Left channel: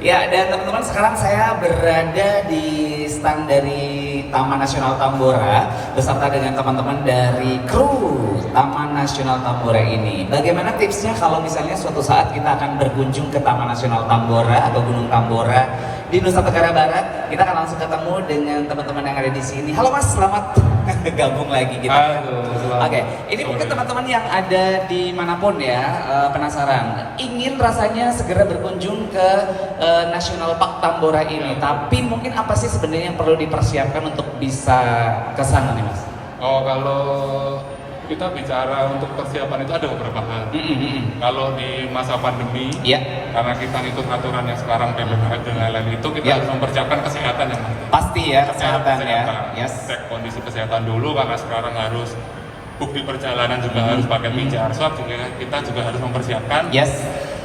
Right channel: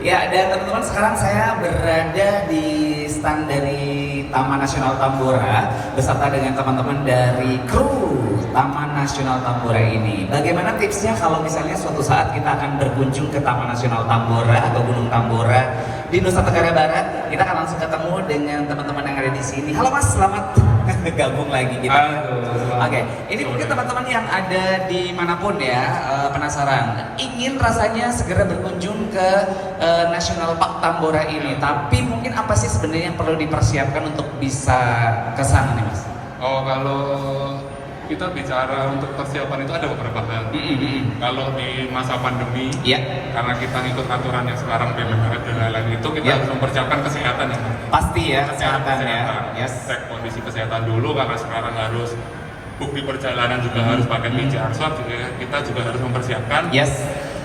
Ya, dan teman-teman sekarang saya berada di stand dari Taman Nasional Tambora beserta dengan teman-teman dari kru Taman Nasional Tambora ini. Bagaimana tipsnya kalau misalnya suatu saat kita akan berkunjung ke Taman Nasional Tambora atau Gunung Tambora di Nusa Tenggara Barat? Kita akan langsung ketemu dengan teman-teman yang ada di sini. Halo Mas, selamat gabung lagi gitu. Oke, ini mungkin teman-teman yang ada dimanapun ya penasaran, ingin rasanya segera berkunjung ke National Park Tambora ini, tapi mungkin apa sih sebenarnya yang perlu dipersiapkan untuk bisa ke sana nih Mas? Oh, kalau kita bicara untuk persiapan itu ada beberapa hal. Kalau di masa pandemi, karena kita ngikut aturan yang sekarang PPKM dan lain-lain itu, kita harus mempersiapkan kesehatan yang pasti ya, kesehatan ya. Cek kondisi kesehatan dulu, karena sekarang harus bukti perjalanan juga harus pakai PCR swab, kita juga harus mempersiapkan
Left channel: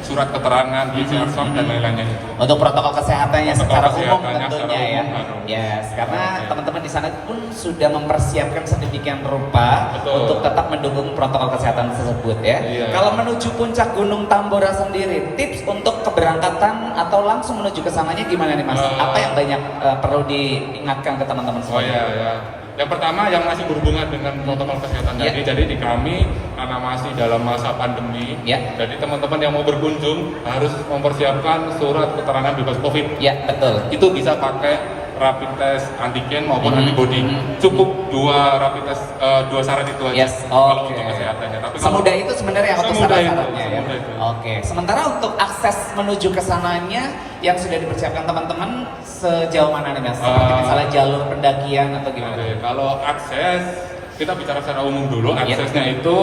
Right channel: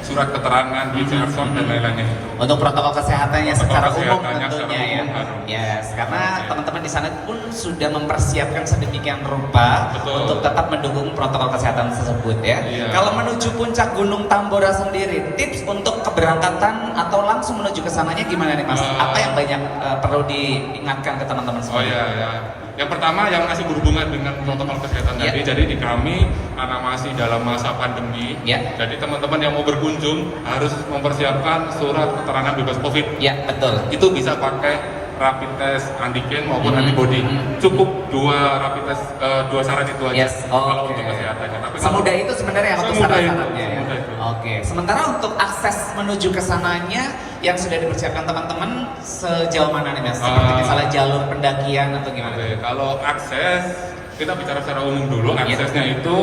surat keterangan PCR swab dan lain-lainnya itu. Untuk protokol kesehatannya secara umum tentunya ya. Yes, karena teman-teman di sana pun sudah mempersiapkan sedemikian rupa untuk tetap mendukung protokol kesehatan tersebut ya. Kalau menuju puncak Gunung Tambora sendiri, tips untuk keberangkatan atau langsung menuju ke sananya gimana nih Mas? Apa yang banyak perlu diingatkan ke teman-teman semua? Yang pertama yang masih berhubungan dengan protokol kesehatan tadi, jadi di kami karena masih dalam masa pandemi, jadi teman-teman yang mau berkunjung harus mempersiapkan surat keterangan bebas COVID. Ya, betul. Itu bisa pakai rapid test antigen maupun antibody. Cukup dua rapid test, dua syarat itu aja. Kalau untuk kesehatannya. Tapi semudah itu sebenarnya untuk syarat-syaratnya ya. Oke. Sementara untuk akses menuju ke sananya yang sudah dipersiapkan teman-teman sejauh mana nih Mas? Seperti misalnya jalur pendakian atau gimana? Kalau akses, kita bicara secara umum dulu. Aksesnya itu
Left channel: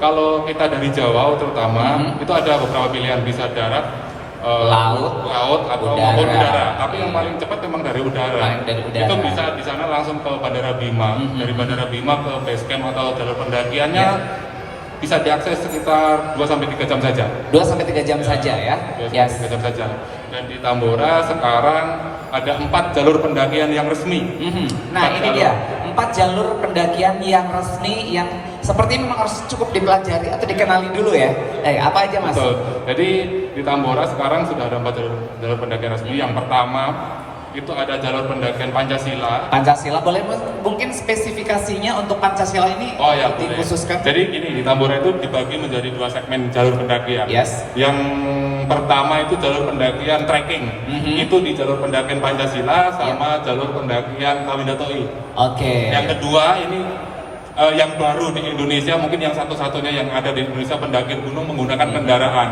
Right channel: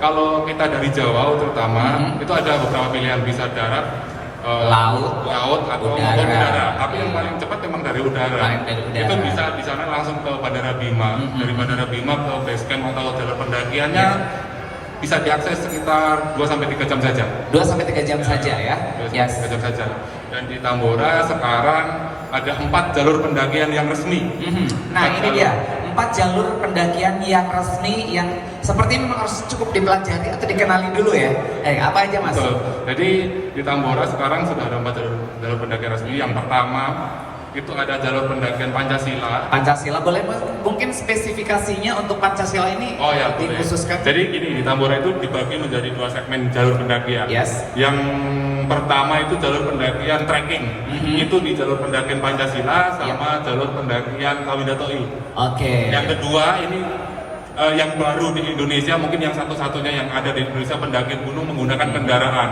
kalau kita dari Jawa terutama itu ada beberapa pilihan, bisa darat, laut atau udara. Tapi yang paling cepat memang dari udara. Itu bisa di sana langsung ke Bandara Bima. Dari Bandara Bima ke base camp atau jalur pendakiannya bisa diakses sekitar 2-3 jam saja. 2-3 jam saja ya? 2-3 jam saja. Dan di Tambora sekarang ada 4 jalur pendakian yang resmi. Nah ini dia, 4 jalur pendakian yang resmi yang seperti memang harus cukup dipelajari atau dikenali dulu ya. Apa aja Mas? Betul. Jadi di Tambora sekarang sudah ada 4 jalur pendakian resmi. Yang pertama itu ada jalur pendakian Pancasila. Pancasila, boleh mungkin spesifikasinya untuk Pancasila ini dikhususkan? Jadi gini, di Tambora itu dibagi menjadi 2 segmen jalur pendakian. Yang pertama itu jalur pendakian trekking. Itu di jalur pendakian Pancasila sama jalur pendakian Kawindatoi. Yang kedua ini yang baru di Indonesia, mungkin yang satu-satunya yang ada di Indonesia pendaki gunung menggunakan kendaraan.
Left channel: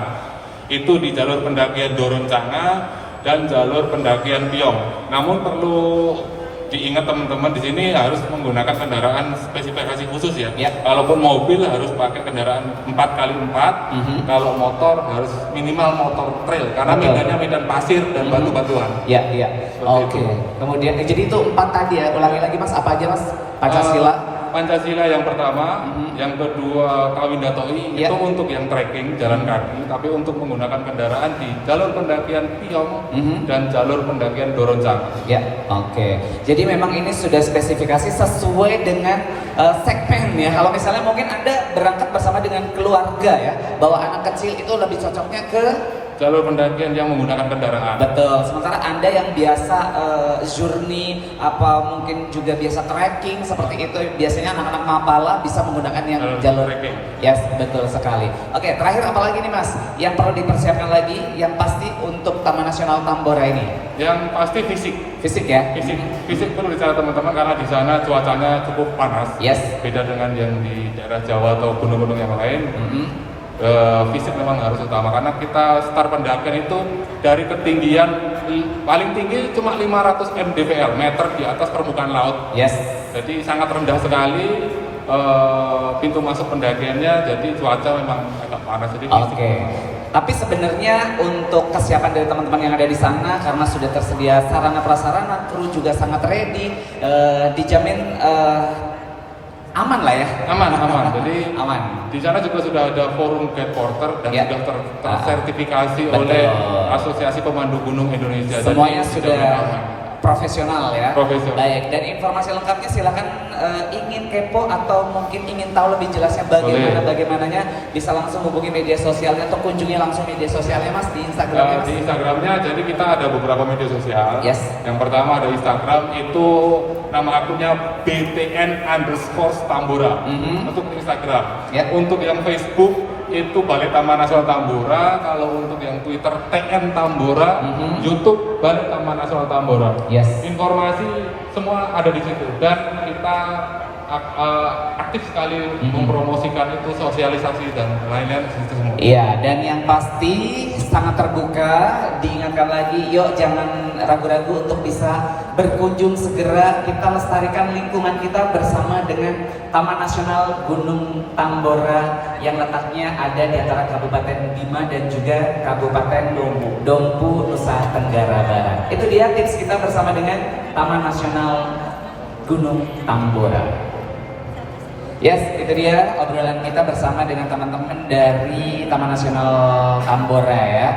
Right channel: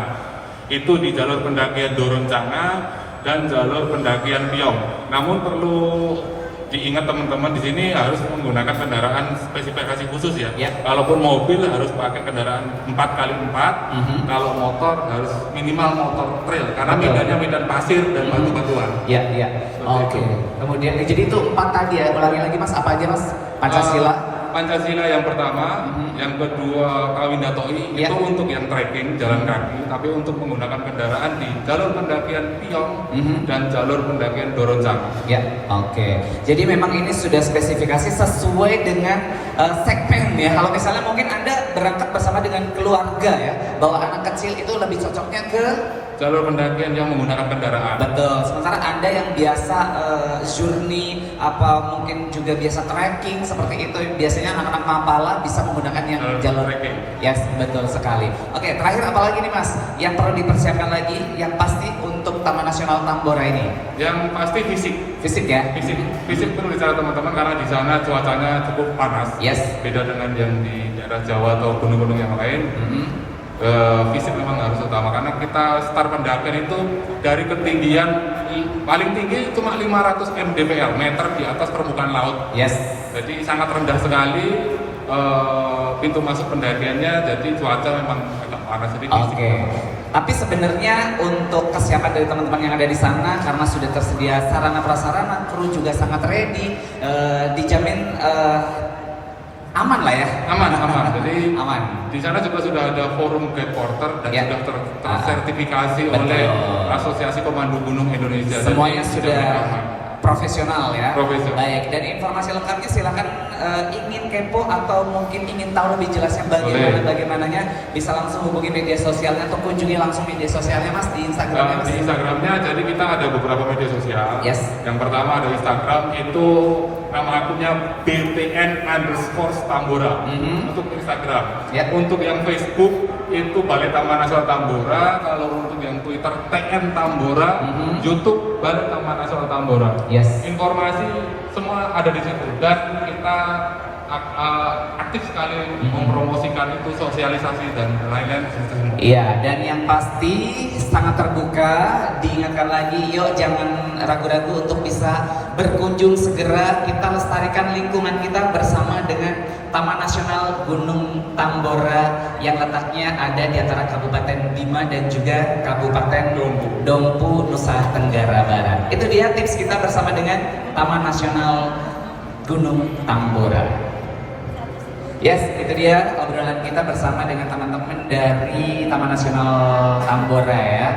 Itu di jalur pendakian Doroncana dan jalur pendakian Piong. Namun perlu diingat teman-teman di sini harus menggunakan kendaraan spesifikasi khusus ya. Kalaupun mobil harus pakai kendaraan 4x4. Kalau motor harus minimal motor trail karena medannya medan pasir dan batu-batuan. Kemudian jadi itu 4 tadi ya. Ulangi lagi Mas, apa aja Mas? Pancasila yang pertama, yang kedua Kawindatoi itu untuk yang trekking jalan kaki, tapi untuk menggunakan kendaraan di jalur pendakian Piong dan jalur pendakian Doroncana. Jadi memang ini sudah spesifikasi sesuai dengan segmen ya. Kalau misalnya mungkin Anda berangkat bersama dengan keluarga ya, bawa anak kecil itu lebih cocoknya ke jalur pendakian yang menggunakan kendaraan. Betul. Sementara Anda yang biasa journey apa mungkin juga biasa trekking seperti itu, biasanya anak-anak Mapala bisa menggunakan yang jalur trekking. Betul sekali. Terakhir apa lagi nih Mas yang perlu dipersiapkan lagi yang pasti untuk Taman Nasional Tambora ini? Yang pasti fisik ya. Fisik perlu dicatat teman-teman karena di sana cuacanya cukup panas. Beda dengan yang di daerah Jawa atau gunung-gunung yang lain. Fisik memang harus utama karena kita start pendakian itu dari ketinggian paling tinggi cuma 500 mdpl meter di atas permukaan laut. Jadi sangat rendah sekali pintu masuk pendakiannya, jadi cuaca memang agak panas sedikit. Tapi sebenarnya untuk kesiapan dari teman-teman yang ada di sana karena sudah tersedia sarana prasarana, kru juga sangat ready, dijamin aman lah ya. Aman. Jadi di sana juga sudah ada forum guide porter dan sudah tersertifikasi oleh Asosiasi Pemandu Gunung Indonesia. Semuanya sudah profesional ya. Profesional. Baik, dan informasi lengkapnya silakan ingin kepo atau mungkin ingin tahu lebih jelasnya bagaimananya bisa langsung hubungi media sosialnya atau kunjungi langsung media sosialnya Mas di Instagramnya. Di Instagramnya, jadi kita ada beberapa media sosial. Yes. Yang pertama ada Instagram, itu nama akunnya BTN_Tambora untuk Instagram. Untuk yang Facebook itu Balai Taman Nasional Tambora. Kalau untuk yang Twitter TN Tambora, YouTube Balai Taman Nasional Tambora. Yes. Informasi semua ada di situ dan kita aktif sekali mempromosikan itu, sosialisasi dan lain-lain. Iya, dan yang pasti sangat terbuka. Diingatkan lagi, yuk jangan ragu-ragu untuk bisa berkunjung segera. Kita lestarikan lingkungan kita bersama dengan Taman Nasional Gunung Tambora yang letaknya ada di antara Kabupaten Bima dan juga Kabupaten Dompu, Nusa Tenggara Barat. Itu dia tips kita bersama dengan Taman Nasional Gunung Tambora. Yes, itu dia obrolan kita bersama dengan teman-teman dari Taman Nasional Tambora ya.